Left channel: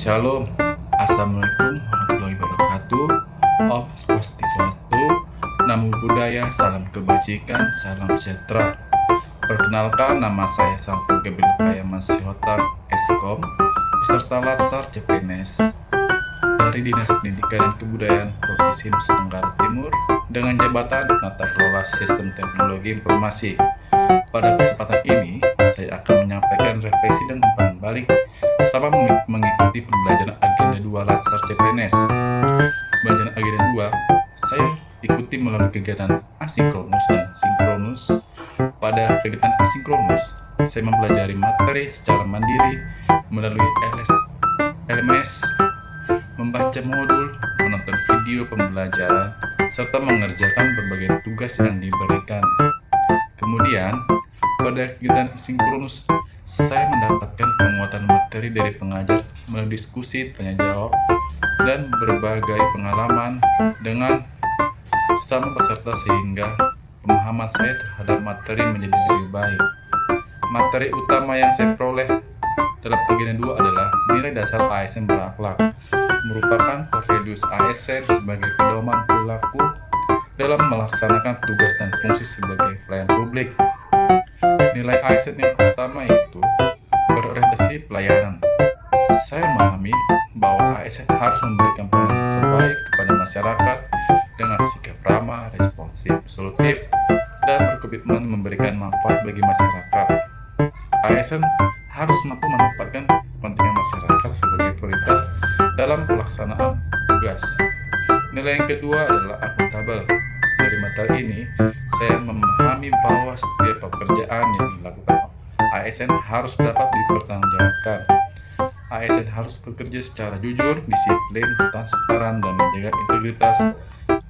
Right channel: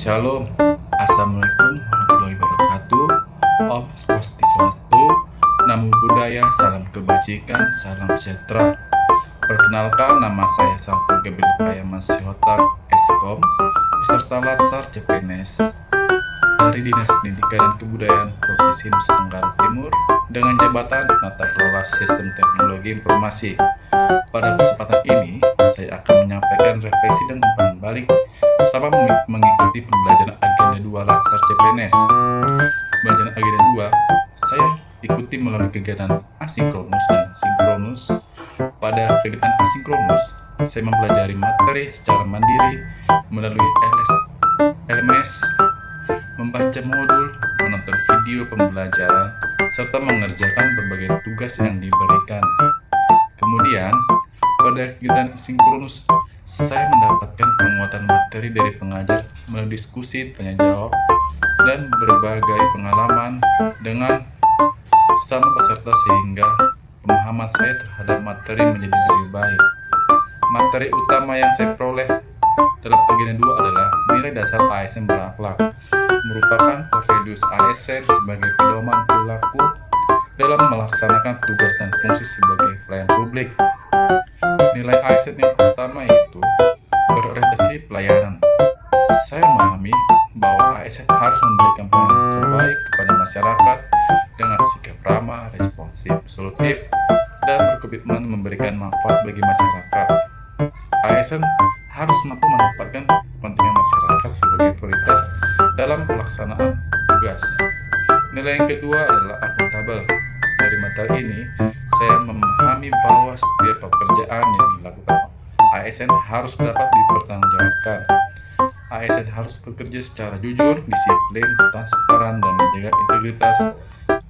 Shalom, Assalamualaikum warahmatullahi wabarakatuh. Om Swastiastu, Namo Buddhaya, salam kebajikan, salam sejahtera. Perkenalkan, nama saya Santo Gabriel Payaman Sihotar, Eskom, beserta Latsar CPNS dari Dinas Pendidikan dan Kebudayaan Provinsi Nusa Tenggara Timur dengan jabatan Penata Kelola Sistem Teknologi Informasi. Pada kesempatan ini, saya akan menyampaikan refleksi dan umpan balik selama mengikuti pembelajaran agenda 2 Latsar CPNS. Pembelajaran agenda 2, saya ikuti melalui kegiatan asinkronus dan sinkronus. Pada kegiatan asinkronus, saya mempelajari materi secara mandiri melalui LMS, membaca modul, menonton video pembelajaran, serta mengerjakan berbagai tugas yang diberikan. Kemudian, pada kegiatan sinkronus, saya mendapatkan penguatan materi dari pengajar melalui diskusi, tanya jawab, dan berbagai pengalaman dengan sesama peserta sehingga pemahaman saya terhadap materi menjadi lebih baik. Materi utama yang saya peroleh dalam agenda 2 adalah nilai dasar ASN berakhlak, merupakan core values ASN sebagai pedoman perilaku dalam melaksanakan tugas dan fungsi sebagai pelayan publik. Nilai ASN yang pertama yaitu berorientasi pelayanan. Saya memahami bahwa ASN harus memberikan pelayanan terbaik kepada masyarakat dengan sikap ramah, responsif, solutif, dan berkomitmen memberikan manfaat bagi masyarakat. ASN harus mampu menempatkan kepentingan masyarakat sebagai prioritas dalam pelaksanaan tugas. Nilai yang kedua adalah akuntabel. Dari materi ini, saya memahami bahwa setiap pekerjaan yang dilakukan ASN harus dapat dipertanggungjawabkan. ASN harus bekerja secara jujur, disiplin, transparan, dan menjaga integritas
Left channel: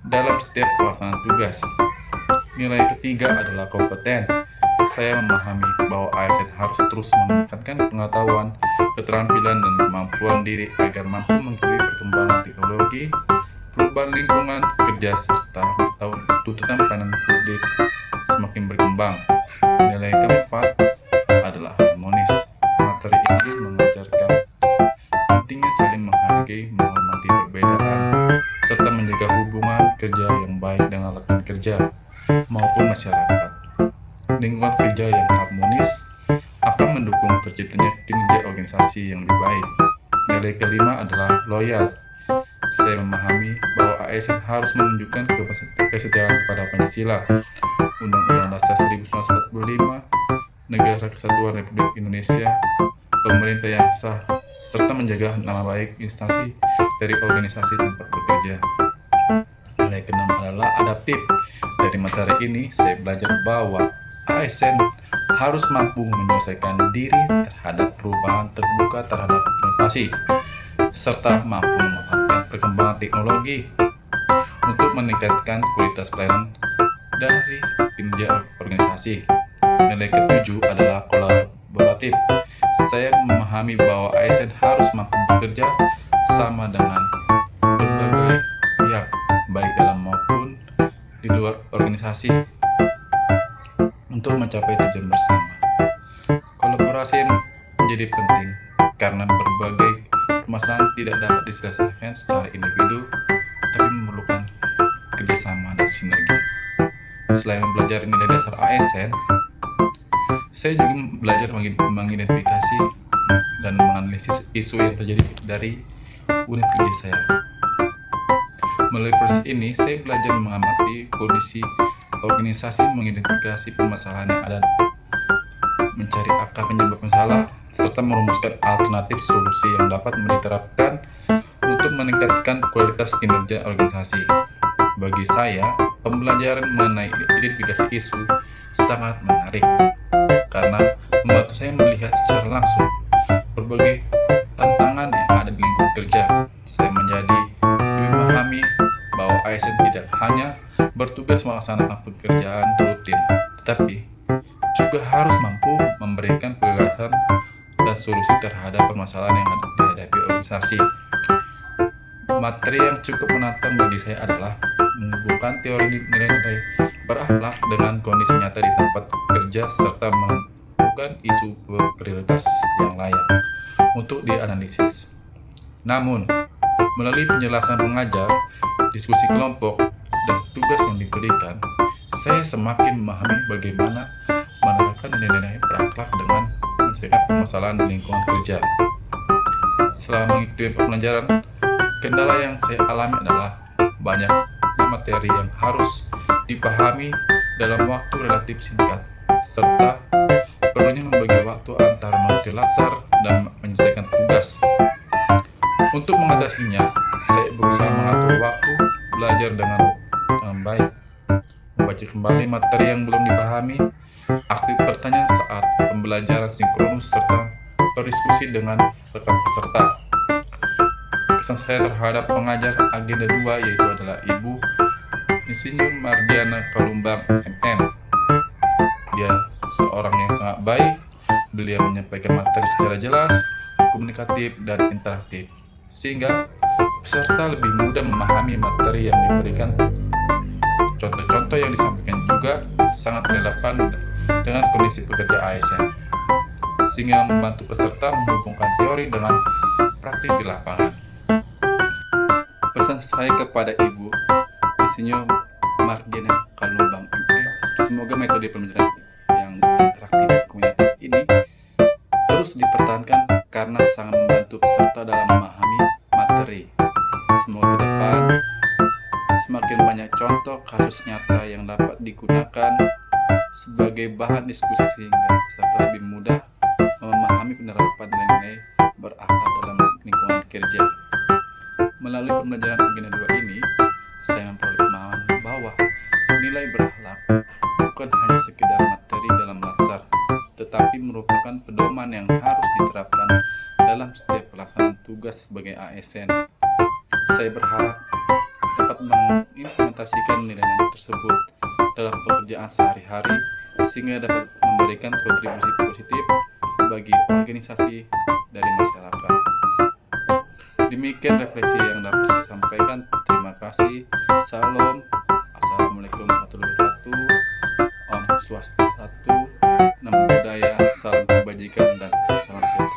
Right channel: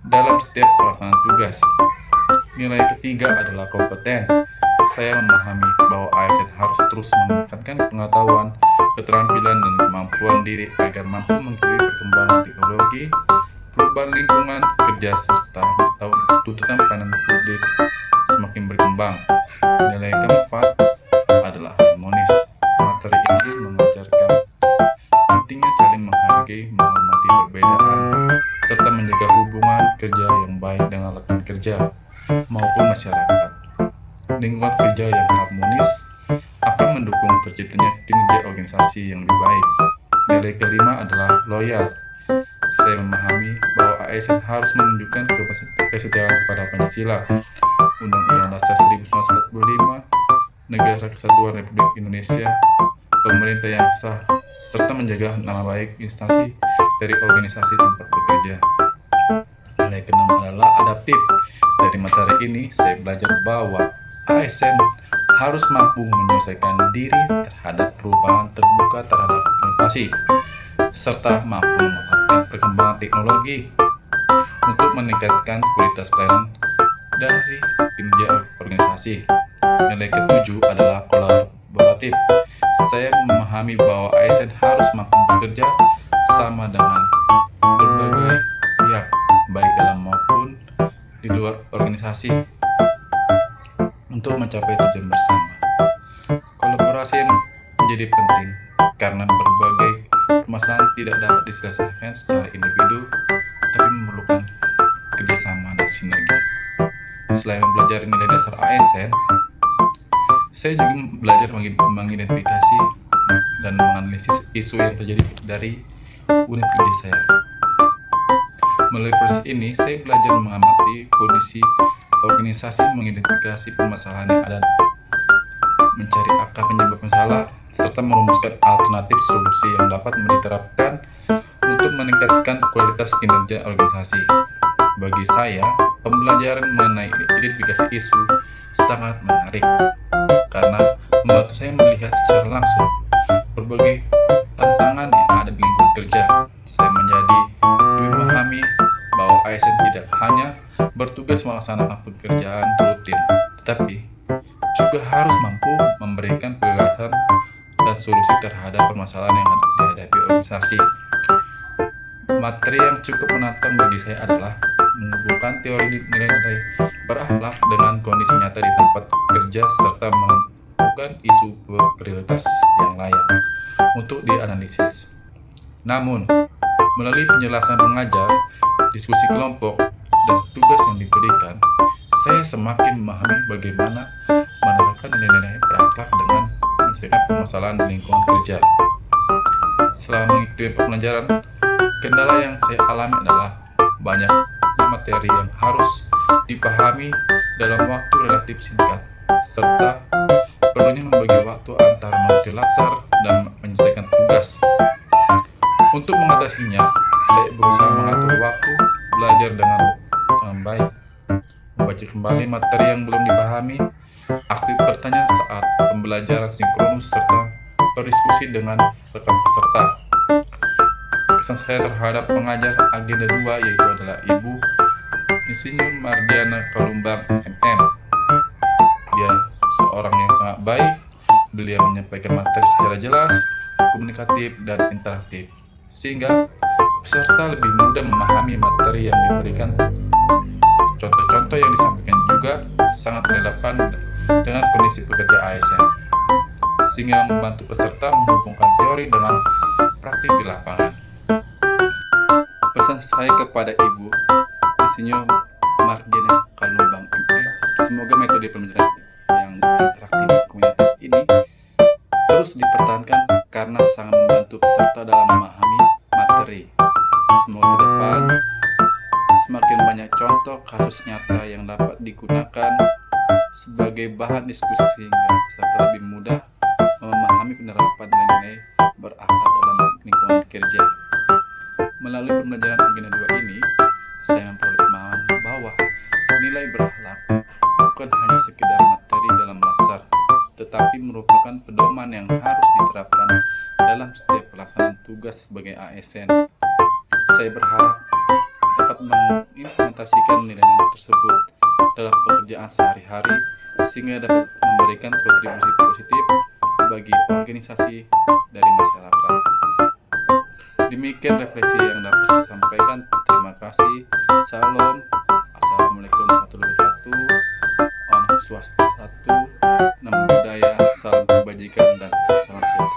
dalam setiap pelaksanaan tugas. Nilai ketiga adalah kompeten. Saya memahami bahwa ASN harus terus meningkatkan pengetahuan, keterampilan, dan kemampuan diri agar mampu mengikuti perkembangan teknologi, perubahan lingkungan kerja, serta tuntutan pelayanan publik semakin berkembang. Nilai keempat adalah harmonis. Materi ini mengajarkan pentingnya saling menghargai, menghormati perbedaan, serta menjaga hubungan kerja yang baik dengan rekan kerja maupun masyarakat. Lingkungan kerja yang harmonis akan mendukung terciptanya kinerja organisasi yang lebih baik. Nilai kelima adalah loyal. Saya memahami bahwa ASN harus menunjukkan kesetiaan kepada Pancasila, Undang-Undang Dasar 1945, Negara Kesatuan Republik Indonesia, pemerintah yang sah, serta menjaga nama baik instansi dari organisasi tempat bekerja. Nilai keenam adalah adaptif. Dari materi ini, saya belajar bahwa ASN harus mampu menyelesaikan diri terhadap perubahan, terbuka terhadap inovasi, serta mampu memanfaatkan perkembangan teknologi untuk meningkatkan kualitas pelayanan dari kinerja organisasi. Nilai ketujuh adalah kolaboratif. Saya memahami bahwa ASN harus mampu bekerja sama dengan berbagai pihak, baik dalam maupun di luar organisasi, untuk mencapai tujuan bersama. Kolaborasi menjadi penting karena berbagai permasalahan tidak dapat diselesaikan secara individu, tapi memerlukan kerjasama dan sinergi. Selain mempelajari nilai dasar ASN, saya juga belajar mengidentifikasi dan menganalisis isu yang terjadi dari unit kerja saya. Melalui proses ini, saya belajar mengamati kondisi organisasi, mengidentifikasi permasalahan yang ada, mencari akar penyebab masalah, serta merumuskan alternatif solusi yang dapat diterapkan untuk meningkatkan kualitas kinerja organisasi. Bagi saya, pembelajaran mengenai identifikasi isu sangat menarik karena membantu saya melihat secara langsung berbagai tantangan yang ada di lingkungan kerja. Saya menjadi lebih memahami bahwa ASN tidak hanya bertugas melaksanakan pekerjaan rutin, tetapi juga harus mampu memberikan gagasan dan solusi terhadap permasalahan yang dihadapi organisasi. Materi yang cukup menantang bagi saya adalah menghubungkan teori nilai-nilai berakhlak dengan kondisi nyata di tempat kerja serta menentukan isu prioritas yang layak untuk dianalisis. Namun, melalui penjelasan pengajar, diskusi kelompok, dan tugas yang diberikan, saya semakin memahami bagaimana menerapkan nilai-nilai berakhlak dengan menyelesaikan permasalahan di lingkungan kerja. Selama mengikuti pembelajaran, kendala yang saya alami adalah banyak materi yang harus dipahami dalam waktu relatif singkat, serta perlunya membagi waktu antara mengikuti latsar dan menyelesaikan tugas. Untuk mengatasinya, saya berusaha mengatur waktu belajar dengan baik, membaca kembali materi yang belum dipahami, aktif bertanya saat pembelajaran sinkronus, serta berdiskusi dengan rekan peserta. Kesan saya terhadap pengajar agenda 2 yaitu adalah Ibu Insinyur Mardiana Kalumbang MM. Dia seorang yang sangat baik. Beliau menyampaikan materi secara jelas, komunikatif, dan interaktif, sehingga peserta lebih mudah memahami materi yang diberikan. Contoh-contoh yang disampaikan juga sangat relevan dengan kondisi pekerja ASN, sehingga membantu peserta menghubungkan teori dengan praktik di lapangan. Pesan saya kepada Ibu Insinyur Mardiana Kalumbang MM, semoga metode pembelajaran yang interaktif dan komunikatif ini terus dipertahankan karena sangat membantu peserta dalam memahami materi. Semoga ke depan semakin banyak contoh kasus nyata yang dapat digunakan sebagai bahan diskusi sehingga peserta lebih mudah memahami penerapan nilai-nilai berakhlak dalam lingkungan kerja. Melalui pembelajaran agenda 2 ini, saya memperoleh pemahaman bahwa nilai berakhlak bukan hanya sekedar materi dalam latsar, tetapi merupakan pedoman yang harus diterapkan dalam setiap pelaksanaan tugas sebagai ASN. Saya berharap dapat mengimplementasikan nilai-nilai tersebut dalam pekerjaan sehari-hari sehingga dapat memberikan kontribusi positif bagi organisasi dari masyarakat. Demikian refleksi yang dapat saya sampaikan. Terima kasih. Salam. Assalamualaikum warahmatullahi wabarakatuh. Om Swastiastu, Namo Buddhaya, salam kebajikan dan salam sejahtera.